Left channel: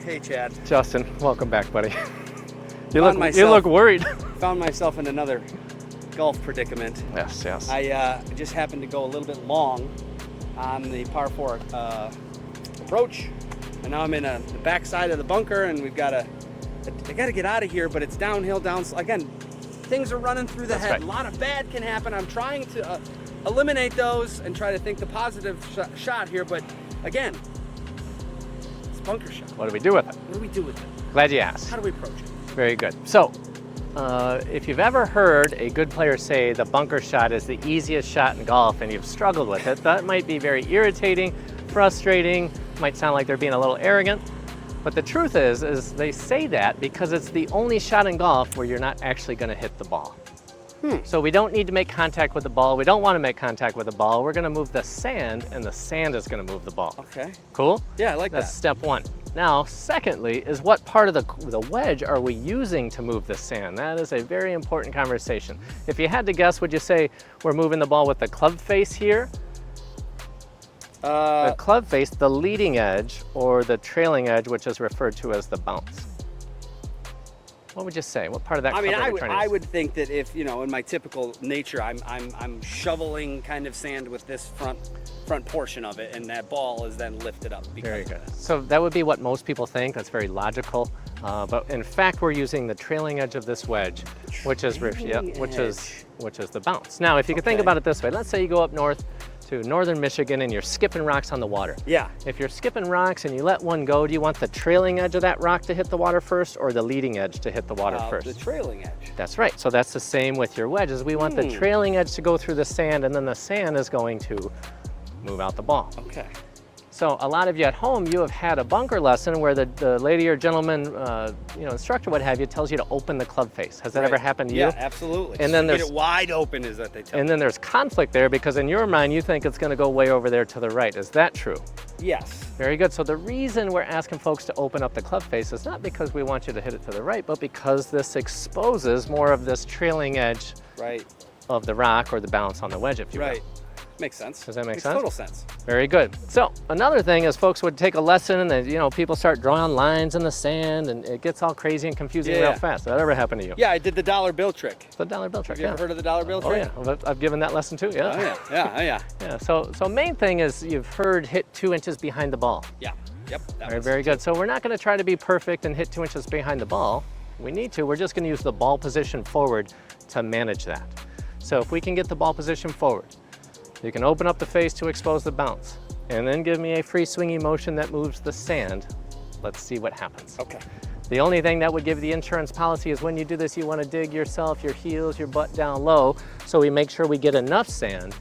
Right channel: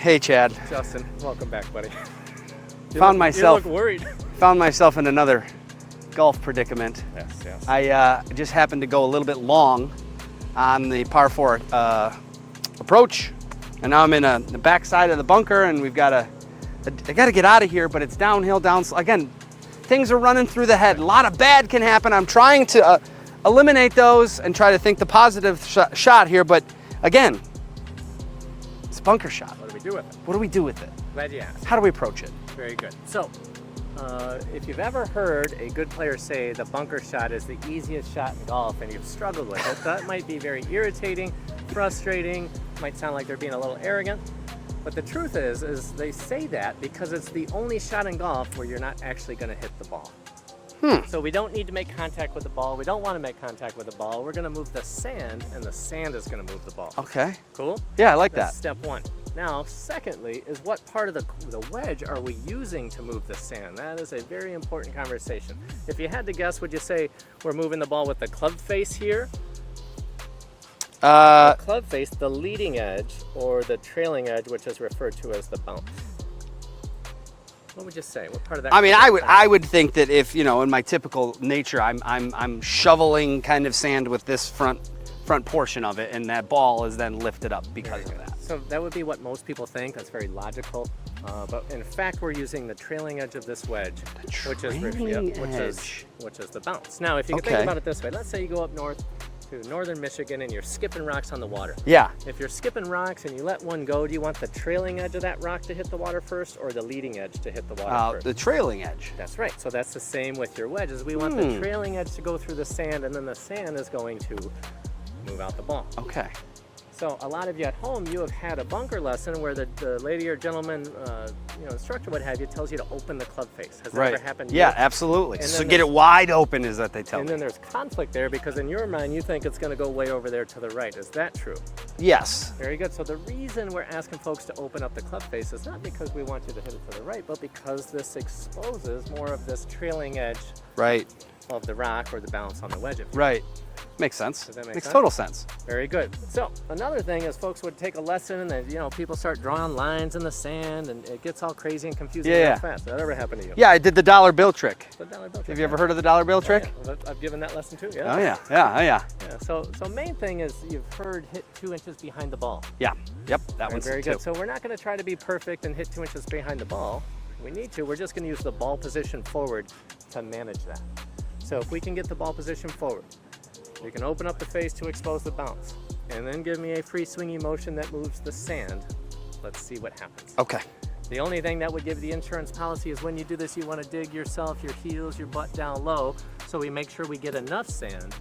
Hey, Chad. Justin, welcome back, buddy. You Found look worried. Found myself in another golf predicament. Yes, yes. I just happened to go a little bit long on the par 4 approach, and now I'm in the back side of the bunker, and I got to get out of here, but it's downhill, again, things are running through the head. Right. A lot of bad can happen. I'm trying to eliminate those and try to think the positive shot here, but again, it's a bunker shot. What do we do with it? What do we do with it? Glad you asked. How do we approach it? Very good. So, if you've ever heard a good player say the bunker shot is the easiest shot in golf and you've struggled with it, that might be very irritating, frustrating, might sound like they're being a little arrogant. But the truth is they say that because it's the only shot in golf where you're not actually going to hit the ball. So we don't need to make contact with the ball. We don't want to make contact with the ball. We're going to move the sand, and the sand is going to move the ball. Okay. Cool? Yeah, I like That's that. step one. Now, secondly, is what part of the wedge are we using to move the sand? That is a very important conversation. If you had to guess, would you say we're moving the ball with the club face here? The club face, the leading edge, or the trailing edge, which is referred to as the bounce? What would you say? What part of that? I mean, I would think that if, you know, in my typical nature, I'm shoveling kind of sand with this front portion of it, and that ball is then lifted up because of that. So that would be what most people think. That's very logical. But in fact, we're using the trailing edge of this wedge, which is the bounce. Now, if you can think about it this way, let's say you go up north to northern Michigan and you're skipping rocks on the water. Yeah. If you're skipping rocks and you let one go, do you want the trailing edge of that rock to hit the water first or the leading edge to hit the water first? The trailing edge. That's right. So that's the same with your wedges. We want the trailing edge to go through the sand, and then the sand is going to move out the ball. Okay. So a lot of you at home, you have had a bunker lesson where the lady or gentleman, instructor, what have you, tells you to open the club face. Has that ever happened to you? Yeah, absolutely. And then get it wide open, is that they tell And then there's conflict there because in your mind, you think it's going to go way over there to the right. Is that true? Yes. Very good. So the reason we're asking folks to open up the club face is not because we want you to hit it to the right, but because this exposes more of this trailing edge of the rock or the bounce on the wedge. If you will. Makes sense. Does that make sense? Makes total sense. Very good. So another thing is folks would take a lesson and people start drawing lines in the sand and it gets all crazy and confusing real fast. Did that ever happen to you? Yeah, I did the dollar bill trick. The dollar bill trick. Have you ever heard of the dollar bill trick? Yeah. I've given that lesson too. Yeah. Oh yeah. Yeah. So main thing is you've heard hit 2 inches behind the ball. Yeah. Yep. That was very good. So we're not going to try to be perfect and hit 2 inches behind the ball. We need to. We're just going to use the ball position forward to manage that. So if we can get the ball position forward, you can open up the face to expose the bounce, and then give me a free swinging motion that moves the sand. Let's see what happens. Okay. The only thing that would give the insurance policy is when you do this, you want to dig yourself, your heels, your butt down low, so we make sure we get enough sand,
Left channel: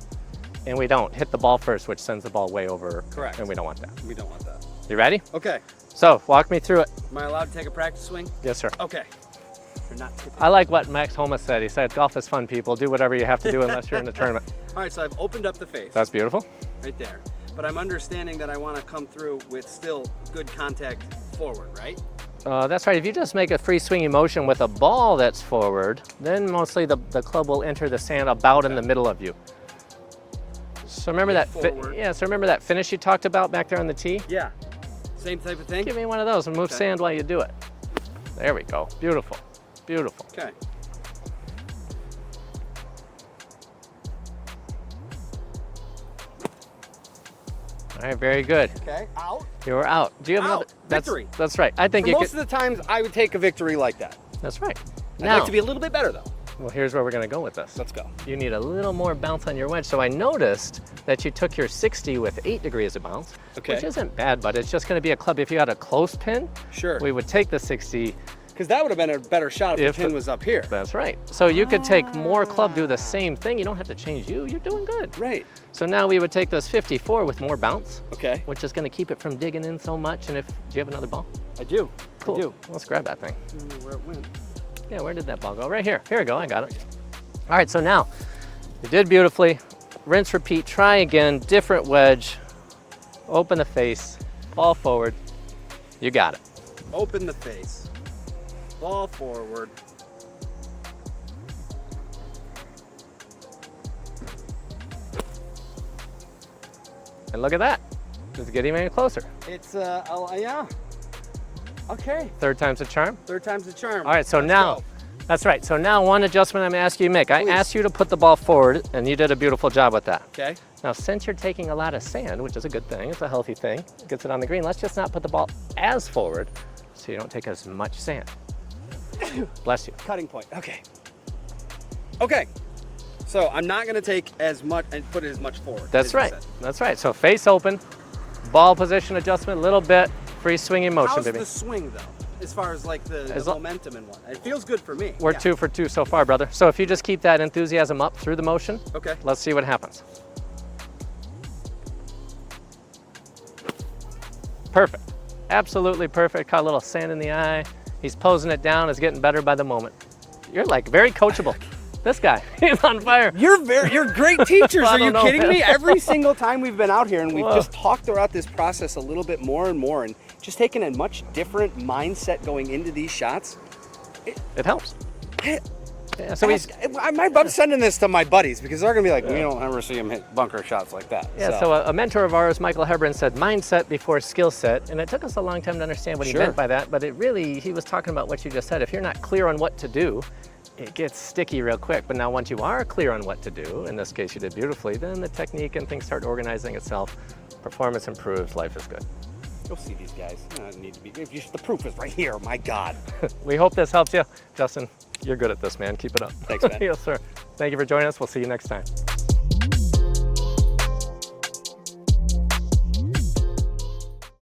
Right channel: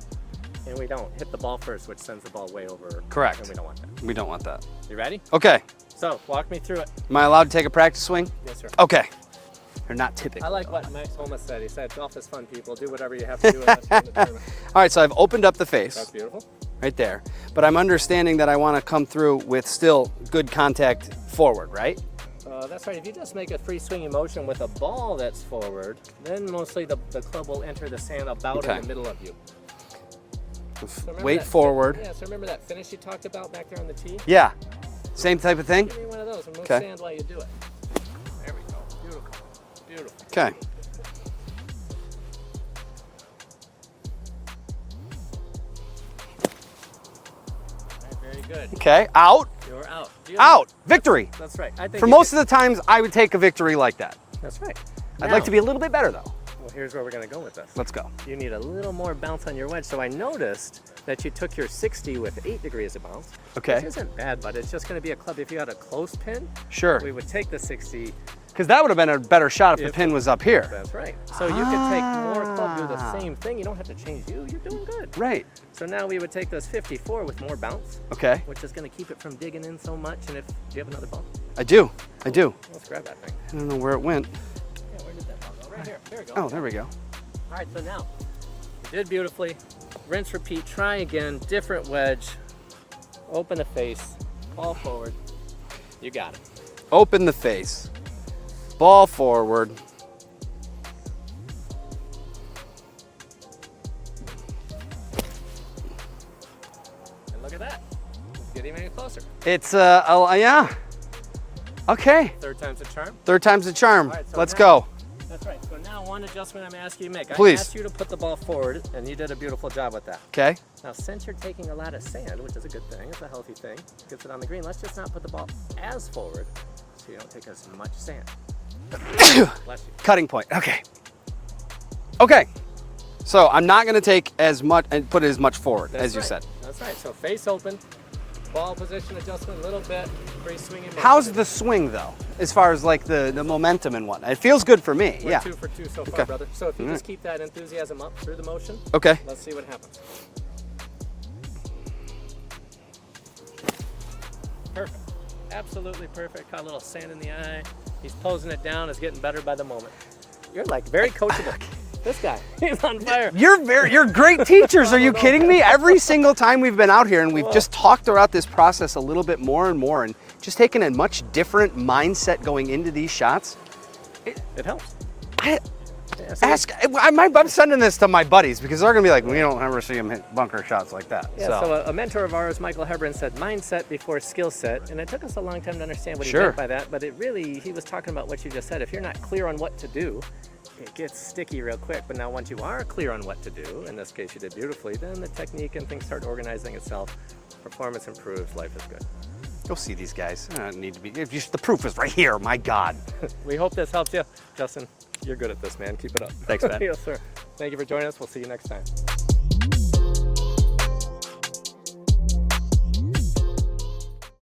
and we don't hit the ball first, which sends the ball way over. Correct. And we don't want that. We don't want that. You ready? Okay. So walk me through it. Am I allowed to take a practice swing? Yes, sir. Okay. They're not tipping. I like what Max Homa said. He said, golf is fun, people. Do whatever you have to do unless you're in the tournament. All right, so I've opened up the face. That's beautiful. Right there. But I'm understanding that I want to come through with still good contact forward, right? That's right. If you just make a free swinging motion with a ball that's forward, then mostly the club will enter the sand about in the middle of you. So remember that forward. So remember that finish you talked about back there on the tee? Yeah. Same type of thing? Give me one of those and move sand while you do it. There we go. Beautiful. Beautiful. Okay. All right, very good. Okay, out. You were out. Out. Victory. That's right. I think for most of the times, I would take a victory like that. That's right. I'd like to be a little bit better though. Well, here's where we're going to go with this. Let's go. You need a little more bounce on your wedge. So I noticed that you took your 60 with 8 degrees of bounce, which isn't bad, but it's just going to be a club. If you had a close pin, we would take the 60. Because that would have been a better shot if the pin was up here. That's right. So you could take more club, do the same thing. You don't have to change you. You're doing good. Right. So now we would take those 54 with more bounce. Okay. Which is going to keep it from digging in so much. And do you have another ball? I do. Cool. I do. Let's grab that thing. I don't know where it went. Yeah, where did that ball go? Right here. Here we go. Oh, I got there it. we go. All right, so now you did beautifully. Rinse, repeat, try again. Different wedge. Open the face. Ball forward. You got it. Open the face. Ball forward. And look at that. It's getting any closer. It's, yeah. Okay. Third time's a charm. Third time's the charm. All right, so let's now, go. That's right. So now one adjustment I'm asking you to make. Please. I asked you to put the ball forward, and you did a beautiful job with that. Okay. Now, since you're taking a lot of sand, which is a good thing, it's a healthy thing, gets it on the green, let's just not put the ball as forward so you don't take as much sand. Bless you. Cutting point. Okay. Okay. So I'm not going to take as much and put it as much forward. That's as right. You said. That's right. So face open, ball position adjustment, a little bit, free swinging motion. How's baby. the swing though, as far as like the momentum and whatnot? It feels good for me. We're yeah. 2 for 2 so far, brother. So if you just keep that enthusiasm up through the motion, Okay. let's see what happens. Perfect. Absolutely perfect. Caught a little sand in the eye. He's posing it down. It's getting better by the moment. You're like very coachable. This guy, he's on fire. You're great teachers. Are you know, kidding man. me? Every single time we've been out here and we've just talked about this process a little bit more and more and just taken a much different mindset going into these shots. It helps. Yeah, so I'm sending this to my buddies because they're gonna be like, we don't ever see him hit bunker shots like that. so a mentor of ours, Michael Hebron, said mindset before skill set, and it took us a long time to understand what he meant by that, but he was talking about what you just said. If you're not clear on what to do, it gets sticky real quick, but now once you are clear on what to do, in this case you did beautifully, then the technique and things start organizing itself, performance improves, life is good. You'll see these guys. I don't need to be. The proof is right here. My God. We hope this helps you. Justin, you're good at this, man. Keep it up. Thanks, man. Yes, sir. Thank you for joining us. We'll see you next time.